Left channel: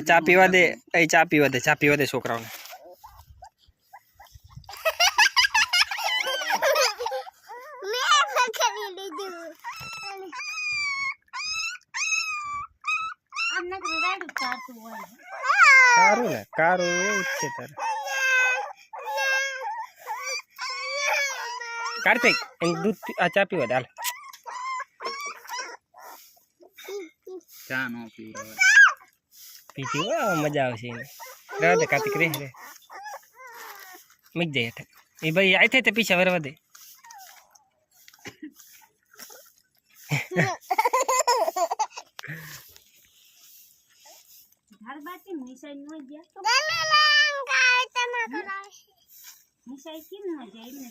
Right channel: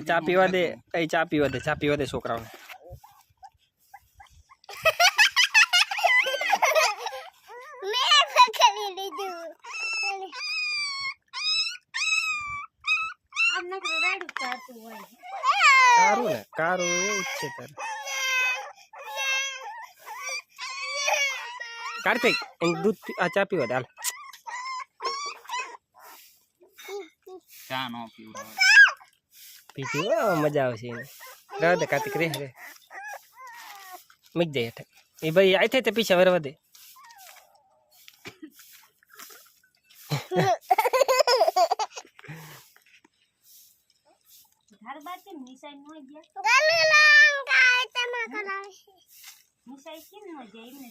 ચા પીવા દે ચા પીવા દે છોકરાઓને કારું ને કારું એવું જ છે તારે કાર્તિક દૂધ ચા પીવા દે હાલ ચા નો પીવડાવે પીતી હોય મજા આવશે એને રહેવા દે કાર્તિક રે મીક જાય હેઠે એ ભાઈ આઈ થાય તે પીછા વરવા દે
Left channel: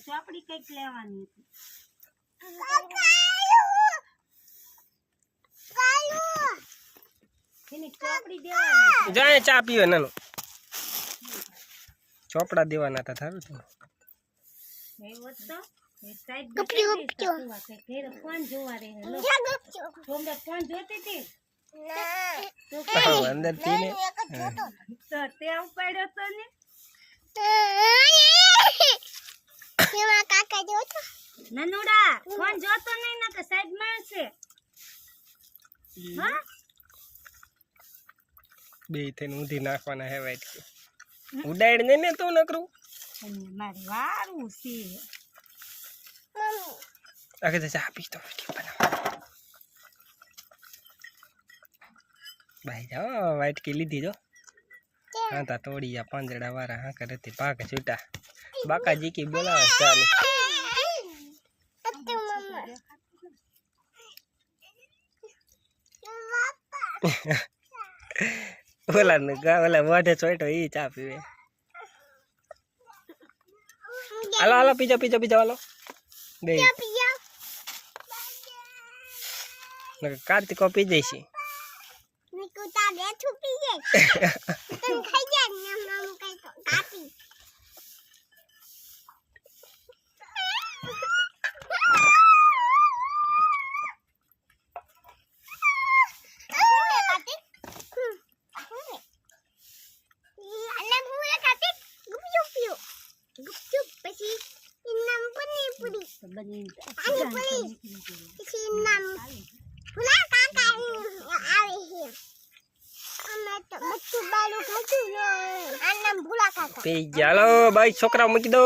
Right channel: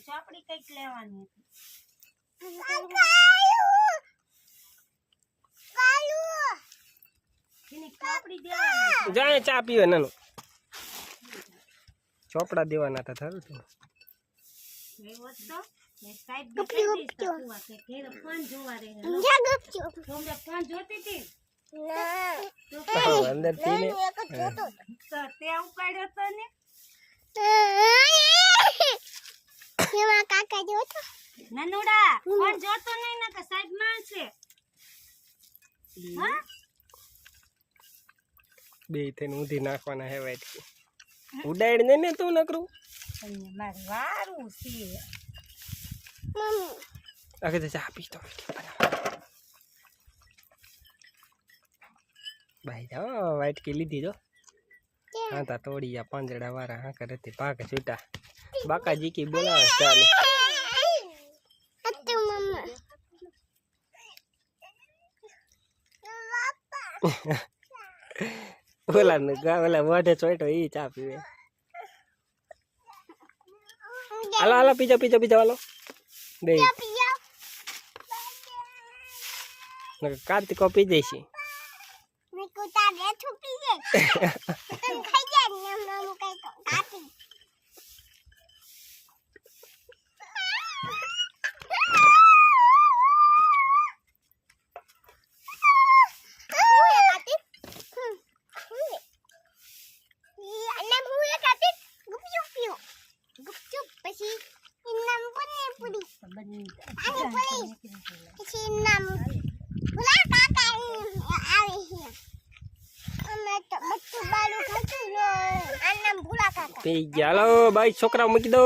ચોપડી કઈક લેવાની જાય ચા પીવે નાનો ચોપડા દેવાના હતા થારું તું અંદર પીને ત્યાં ઉપાડ્યો તો ને નનુડા ફોન જોતો નહીં ના કે સાહેબ માણસે હા બે થઈને ઊંધી નાખવાના હે વાઈટ ઉડાડ ને તું નકરું મારે વારું છે આગે ચા પી તો વિડિયો બનાવ ભાઈ જાઓ વાઈટ કી લીધી જો હા તા તોડી જા પાંજડા વાળા હા કરે તે ભાગ છૂટા બાકાજી કી બોલાવે ચાલે ઓલા ને ઓલા વાઢે ચોઈટો ઈ ચા પીવે હાલો હાલો પીજો પીજો પીજો હાલો બે કાર્તિકો પી જઈશ હાલો ભાઈ છોકરા મૂકી દો